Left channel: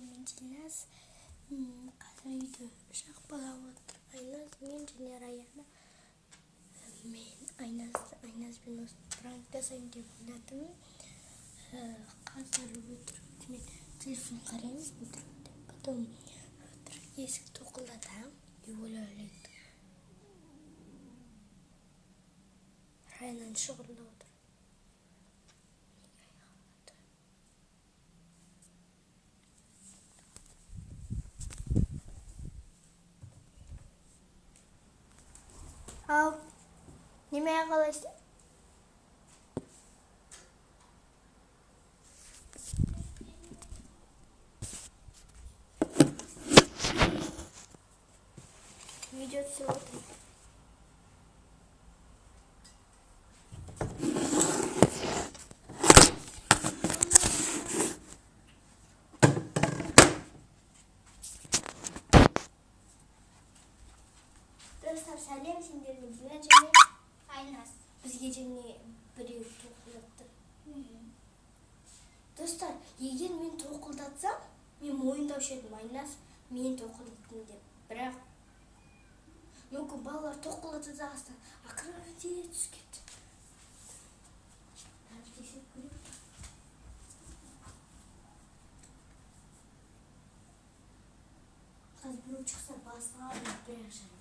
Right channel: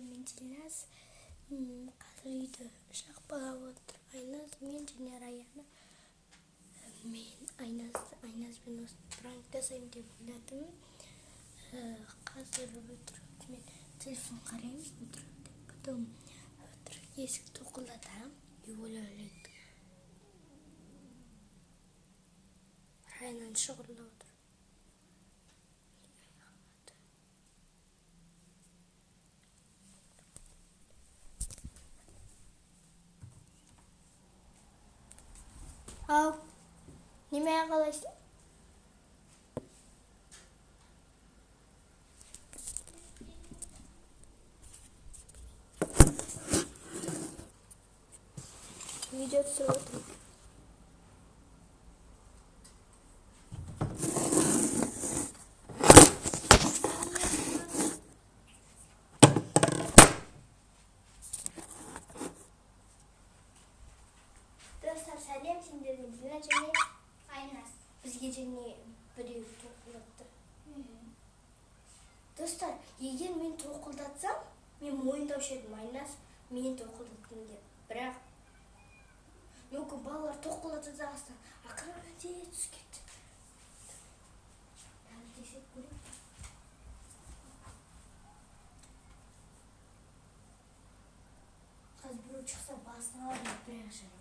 мен Дильназ. Қазір үйде шақпалап отыр. Айназ, мен және Раяна. Мен Айназбен осы пранк жасайын деп ойладым. Қазір өтірік мен телефон қараймын өтірік деп. Потом есік тоқылдатам и ойлайды. Райнаны шығырылып отыр. Ал, немеге қалайсың? Видео түсіріп отырмын. Достар, сәлем, сендерге Дина және Айназ. Бізге және біреу тоқылдатты. Достар, егер мен тоқылдатсам, мен мойындаушы едім, Айназ мен тоқылдаттым деп. Бірақ мүмкін балалар тоқылдатты да ақыры түсіп кетті. Қазір біреу шықса басына алып бірақ жарайды.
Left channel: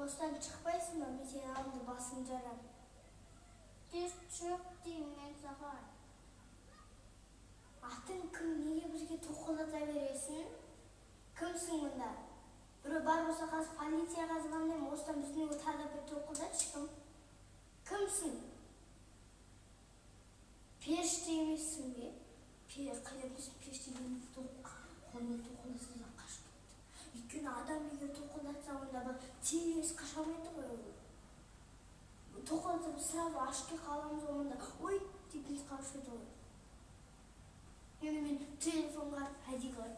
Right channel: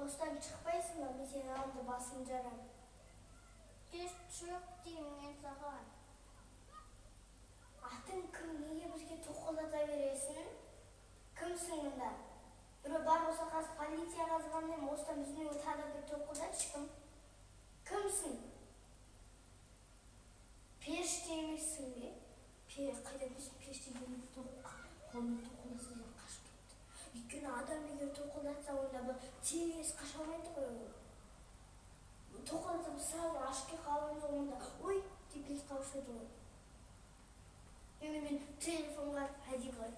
Осыдан шықпайсың ба? Мен сенің алдыңда басын жарам. Тез жоқ деймін мен саған. Атың кім? Неге бізге тоқылдата бересің? Кімсің мұнда? Біреу бар болса қазір полицияға звондаймын. Осыдан біздің үйге тағы бір тоқылдатшы. Кімсің? Періште емессің бе? Қайдамдысың періште деймін. Қолына тоқылдаса да қашып кетті. Өйткені адам егер тоқылдатса онда бұл тез қаша алмайды ғой. Тоқылдатса сразу ашты қаламыз онда. Ой, деп біз қауыш еді ғой. Мен телефонға әдей қылай.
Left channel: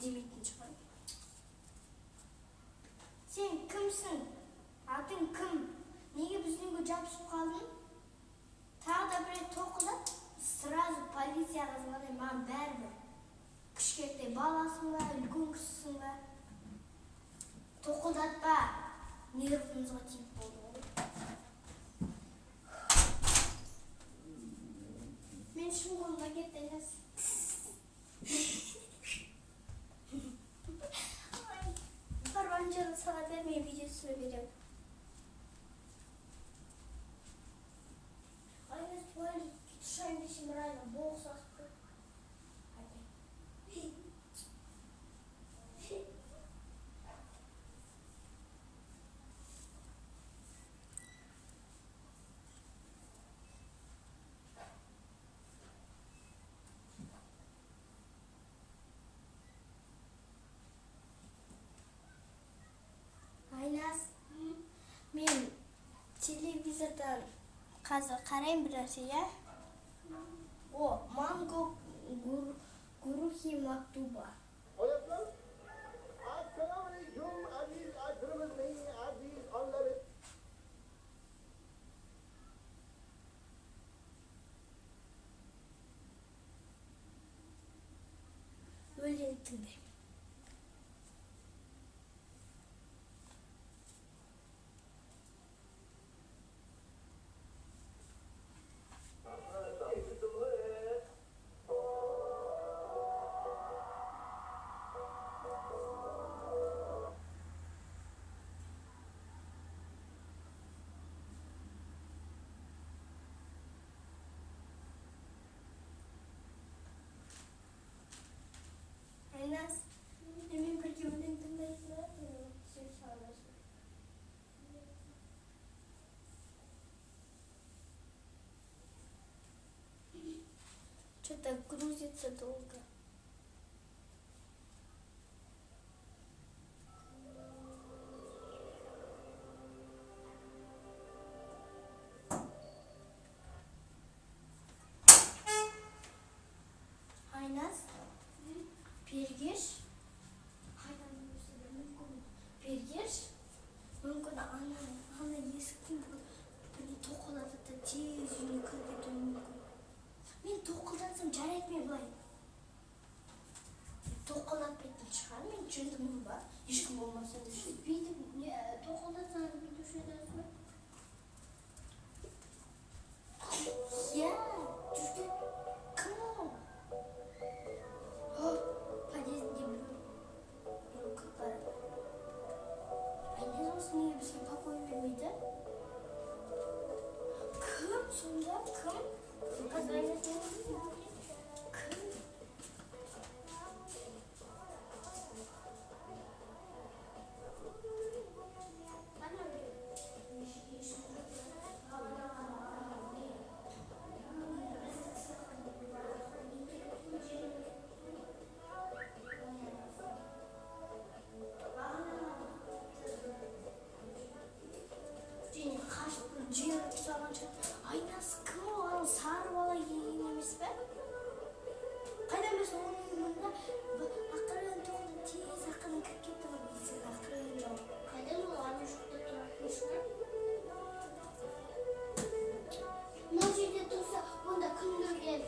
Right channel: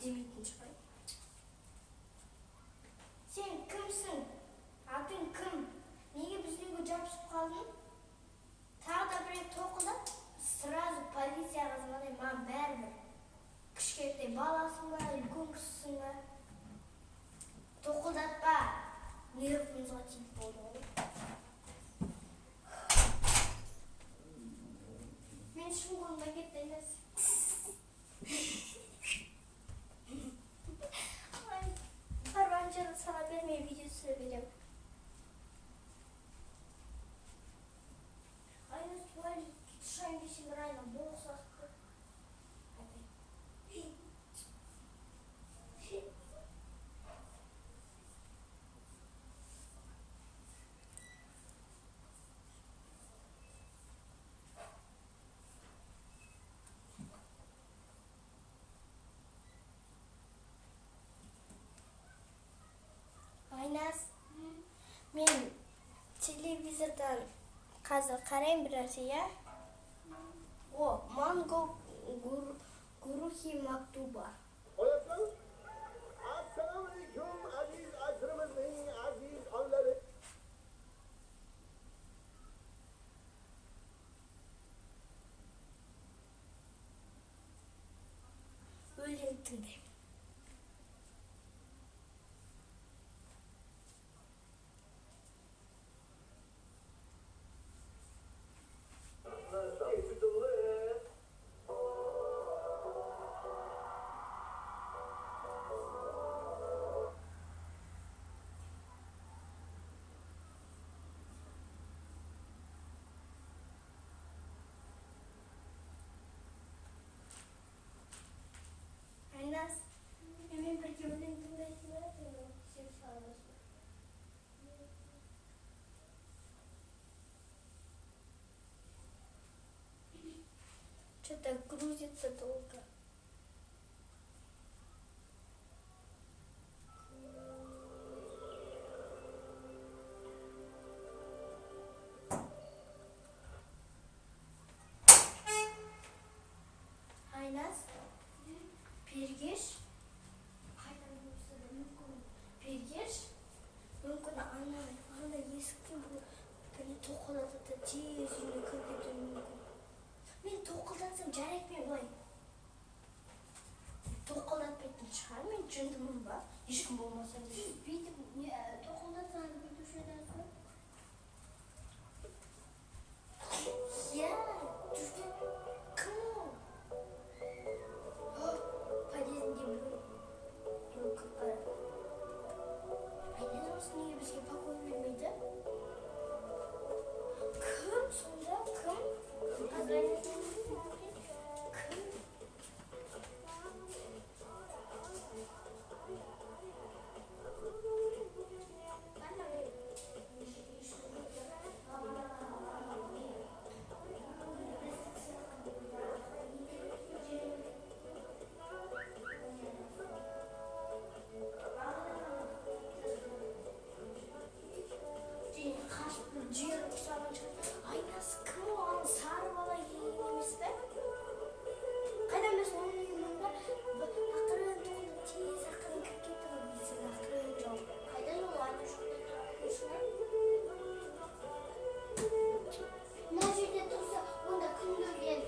Демейтін шығай. Сен кімсің? Атың кім? Неге біздің үйге жабысып қалдың? Тағы да бір тоқылдат, сразу полицияға звондаймын, маған бәрібір. Кішкентай баласың ба, үлкен кісісің ба? Тоқылдатпа. Нервымызға тиіп болды. Мен шын қолымда кетті емес. Парванжаны сала бермей видео түсіре берем. Айназ туалет тұшайын десем Райна боқ сақты. Мен телевизордан қазір қарайын бір нәрсе, я? О, манго гурухи мактуба. Өлең тыңдаймын. Айназ, мен бірге өлең тыңдайтын ба? Сен сағынасың. Что-то грузится долго. Айнас, Пергеш, мүмкін ана есіктен тоқылады да тез үйіне кіріп кетуі мүмкін. Мен тоқылдансам жарайды, мен былай тоқылдатпайтын шығар, мен жындымын ба? Ешкім болмаса да бүйтіп тоқылдатсаң бүйтуші едіңіз ба? Иә, жүрген кім ол? Подъездінде біреу кіріп барады. Айнас осы неге бізге покой бермейді? Кім сонда? Кім? Қазір Айнастың кім? Жиырып саған шығар. Айнас кім оған сары бала келген емес пе? Қайдан біз оның мұнда ақырын тоқылып тез ақырын кіріп кетті ғой дейсің, ақырын жауып. Қайдан ол ана жақта тұратын шығар? Мына жерде тұрса, онда кім көрген?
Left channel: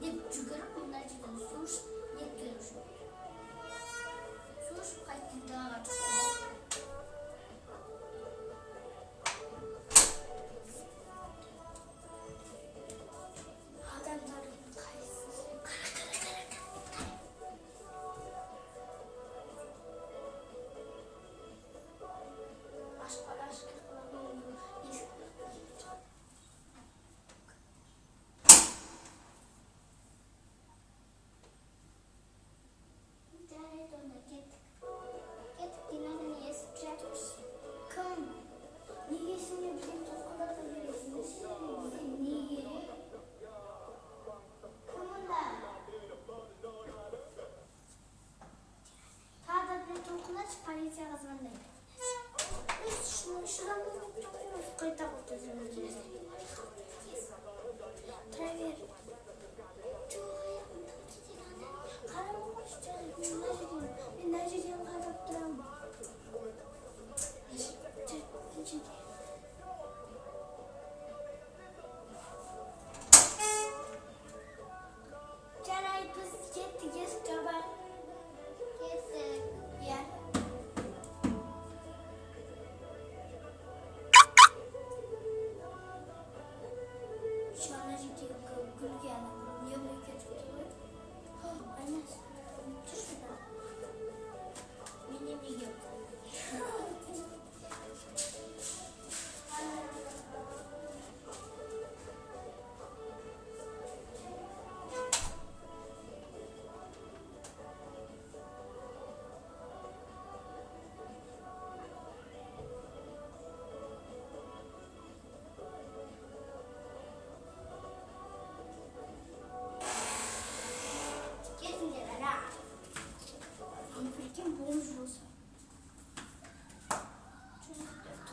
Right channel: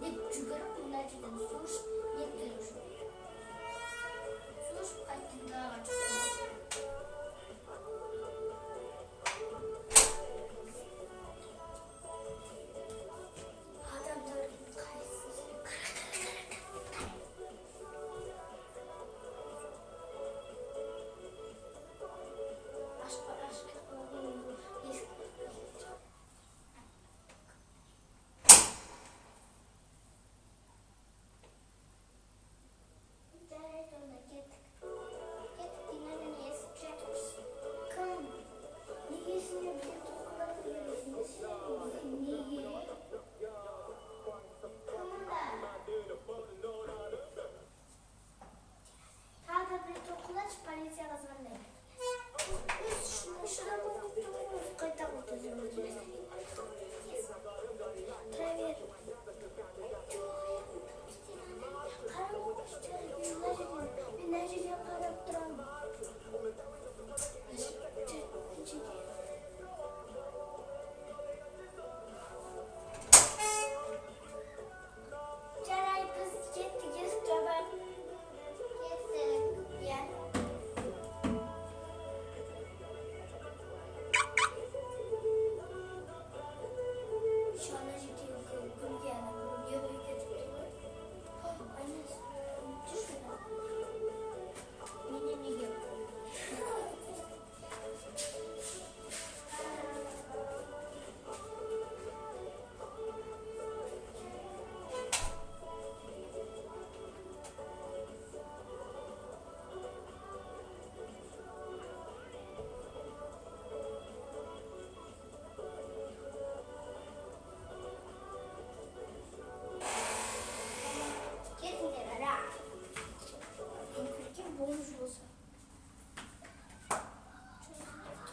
Деп жүгіріп, мына жерден су ішіп, не керек жоқ. Су ішіп қайтты далаға шықты. Полицияға звондайды. Шыдам қайта қойды. Травер. Мен мына жерден қарап тұрамын. Жарай, біз кеттік, есік жабайық. Кеттік. Иә.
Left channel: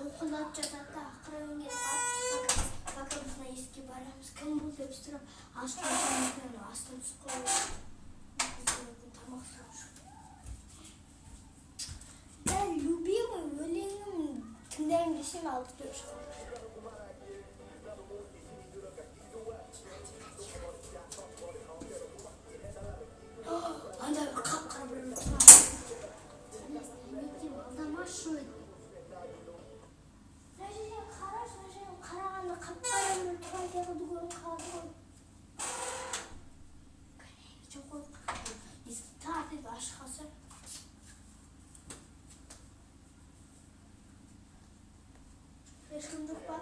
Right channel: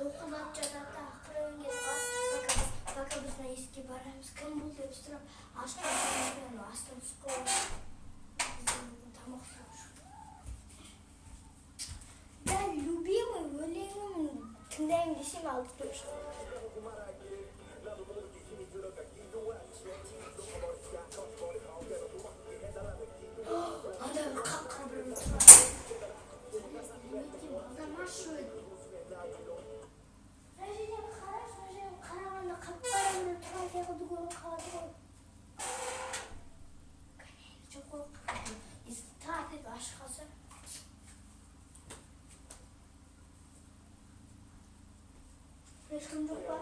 Тоқылап жатады, ақырын пока біз мына есікке барамыз. Кім бұл деп сұрап, ашқан жаңағы астын сұқылып, тамақ сұрап жүр. Да, любимый өлеңім тыңдаймын десем алды деп жүр. Анда қап-қара бір тұрады. Замашу еді. Қарағанда қап-қара бір тұрған секілді көрініп қалады ғой. Жоқ қой, есікті тартып ашық қалса. Ешкім жоқ па?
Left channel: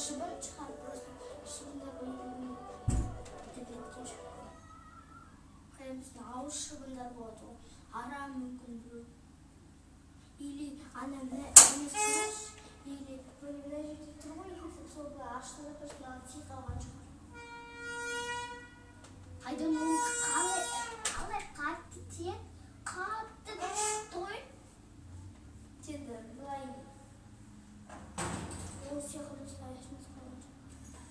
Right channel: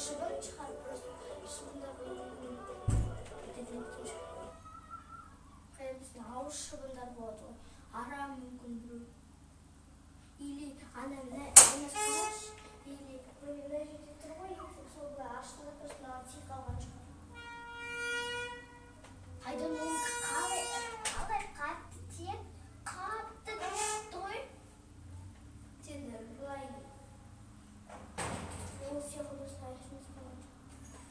Шыбын шығар, просто шыбында болатын кеткен шығар. Қайда біздің ауыз шыбындар болады ғой. Ара мүмкін біреу. Или ана қараш, или мына жерде тұр ғой. сол аштың өкпесі маған тиіп қалған шығар. Қайдан оны қалай қатты тиіп, қатты той. Енді былай ол сияқты осылай ешнәрсе қалған жоқ.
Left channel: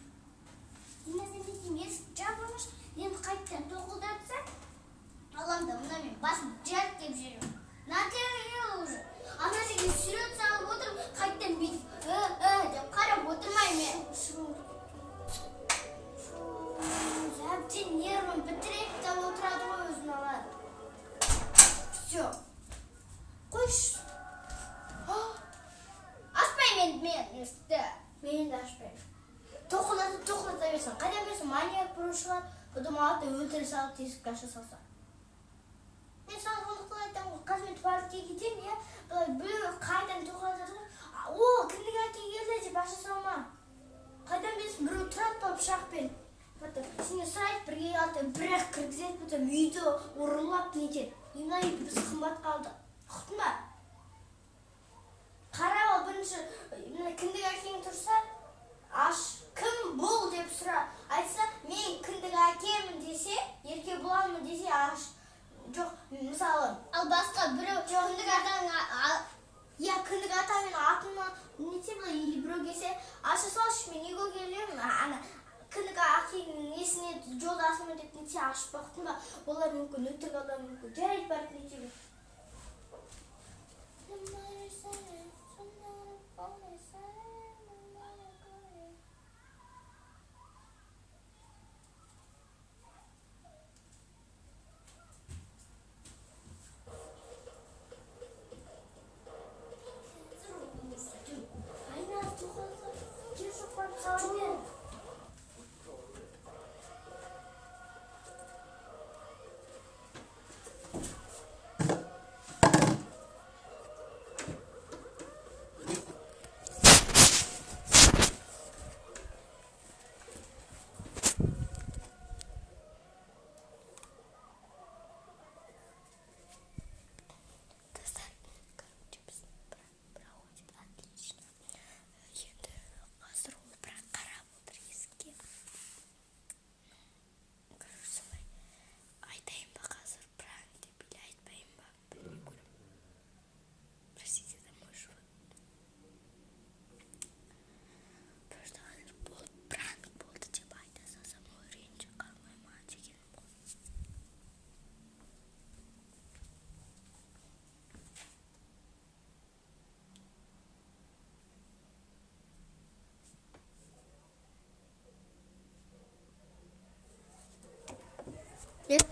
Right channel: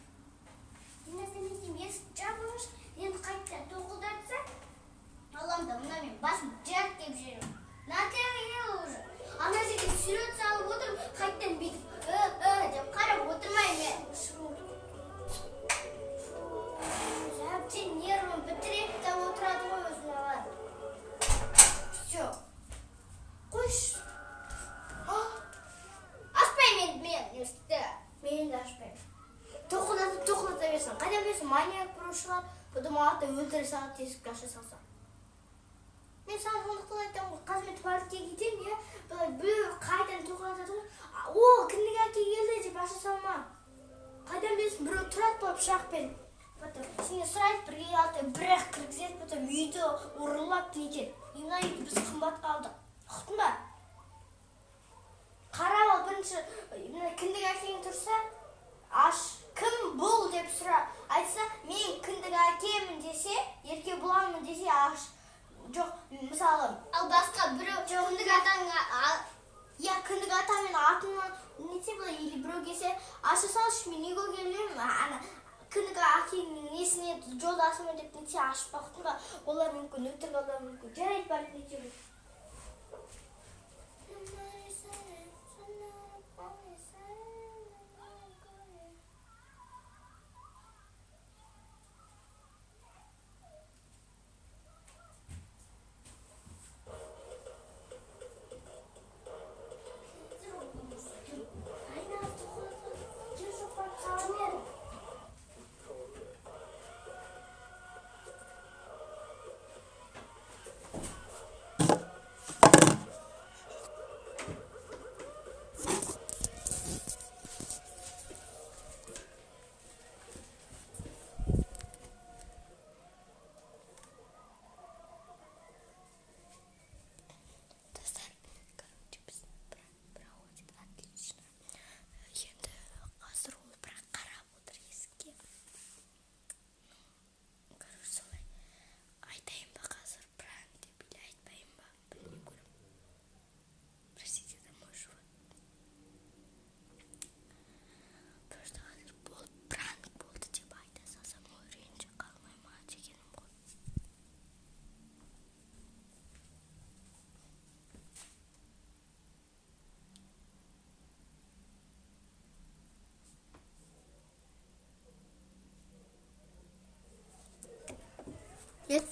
Мен есік жабылmış, енді қайтадан тоқылдатса, Allah'ım mına ben basıp cırt diye bir şey yok. Nerede уже? Ana жерге сүйреп салып отырып, қайтадан бүйтіп деп қарап отырмаймын мен. Әбден нервім бітіріп те отырады ғой өзін алар. Все. Қойшы. Ашпаймын мен есікті. Мен енді ашпаймын. Тоқылдата берсін. Қайдан білесің, маньяк біреу шығар, бұдан алады да өлтіре салады, есікті аша салса. Мен саған сондықтан айтамын ғой, қазір мен туалетке кетемін, иә, біреу қайдан тоқылдатады ғой, о, кіндік әке келді деп аша салма. Қайдан білесің, біреу тұрады ба пышақпен. Сені сұрайды, бірге алды, бір-ақ кіргізеді, потом үйді ұрылап нетеді. Мына үйді біз қымбат қалдық. Ұқтың ба? Қарап ал, бірінші кіндік әкең тұрса, аш, кім бұл деп сұра. Айтса, мен кіндік әкемін десе, ерке боламын десе, аш. Жоқ, мысалы, ал басқа біреу кіндік атаның, я кіндік атамен атымын нете бұлай, или біреу келсе, аша салшы, мен неге келемін, кіндік әкеңнің несіне жолдасымын деп нете ашып бақтың ба, олар мүмкін, өтірік адам мүмкін, жарайды барып нете.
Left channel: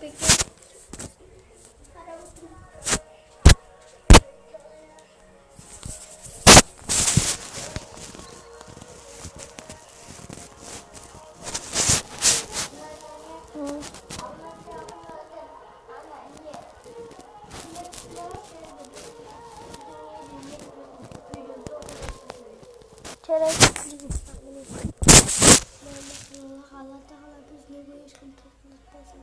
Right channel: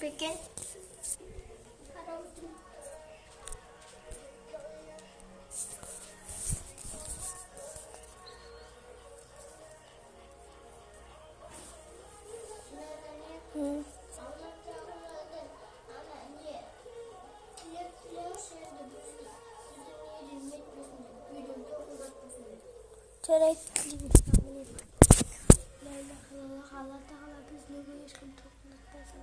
Peki. Çörek kızıyım. Allah Teala bizle görüşüm topluluktasın.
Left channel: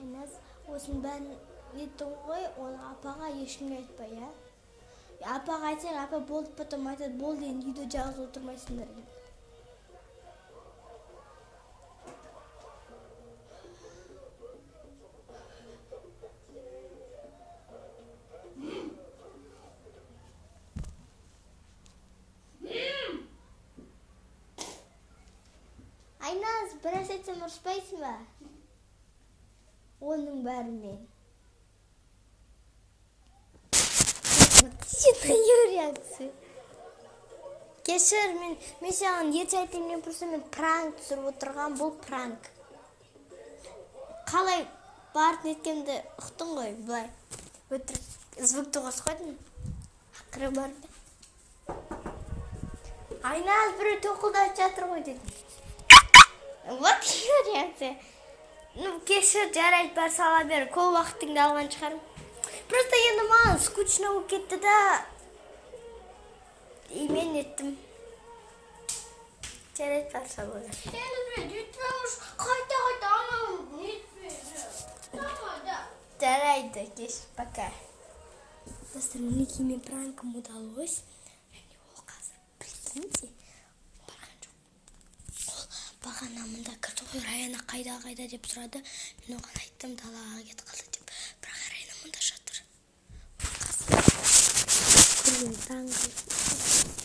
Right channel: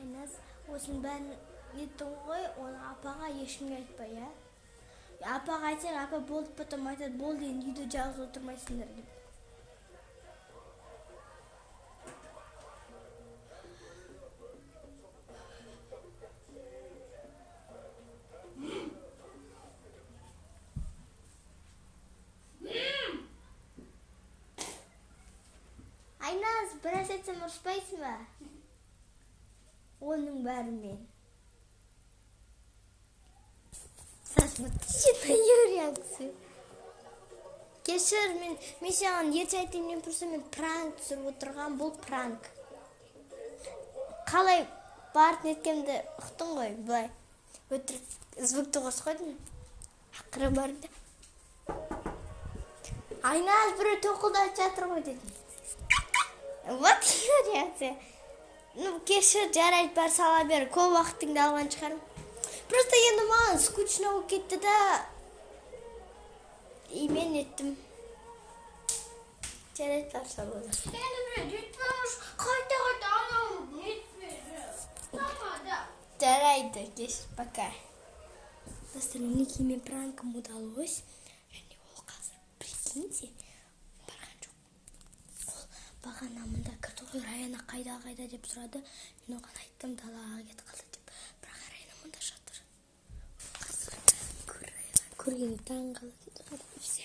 Aynas, осының бәрін еттің ғой, оны апаға ешкімге айтпа, иә? Апаға айтсаң, апа болды, потом айтады, болды, енді үйде жалғыз отырмайсыңдар деп. Айназ, біраз айтсам ұрыспайсың ба? Оның бәрінен. Реакция. Кешір, мен саған ерте айтайын, мен просто мен пранк түсіріп отырған, бұл пранк. Қалай барып неткенді ұқтың ғой, бұлай. Звукты қосып қойдың. Ақыры барды. Айназ, біреу тоқылдатып жатыр ғой дедім. Вот реакция. Ну, кешір, жарайды, бар сала бер, көп уақытыңды алған шығарым. Просто енді маған скучно болып кетті да. И мен еттім. Жарайды, бар сала бер. Енді біреу детпеміш, қайта анау нетпеді. Жарайды, кешір, пока. Достар, мінекей мен пранкым удалось. Және ол қазір, прикиньте. Бағана мында кірді ғой, Раяна қайда деп сұрады. Мен оған айттым, далаға кетіп қалды деп. Бірақ Раяна мында жатыр. Көрген таң қалды.